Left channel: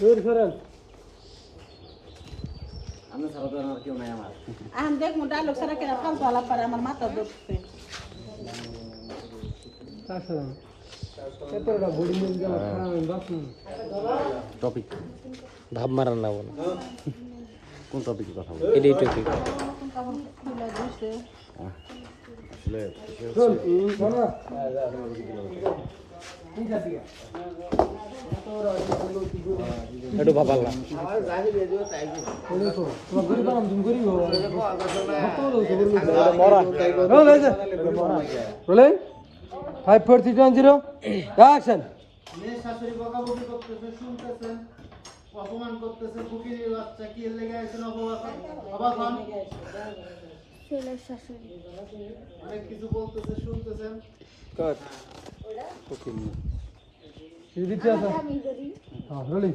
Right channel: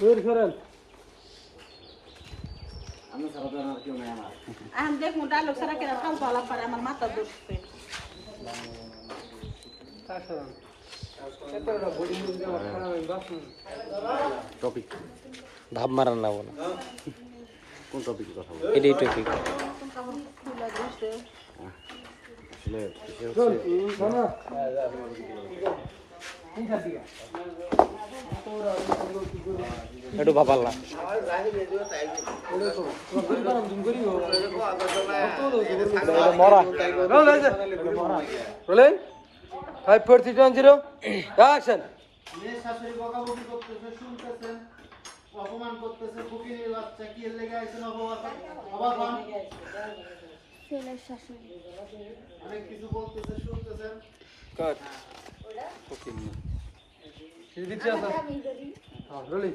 বের করেন আমি ছাড়া তো আর কেউ নাই আমার। আন দেখ মোটা লোক সারা কেন কাল গলা পারে আমার মাথা বাসু টপিক ভাব মারান না বলে। কোন টপিকে কথা এটাই টপিক আসলে একটু ভাবাল্লা মরা rolling five four three one zero action অপমান করতেছে ফকিরের বাচ্চা কি লেগে আইছেন অবাক অবাক হন ছেলের শাশুড়ি অনেক কিছু বলতেছে শুনতেছেন কাট হ্যাঁ রোলিং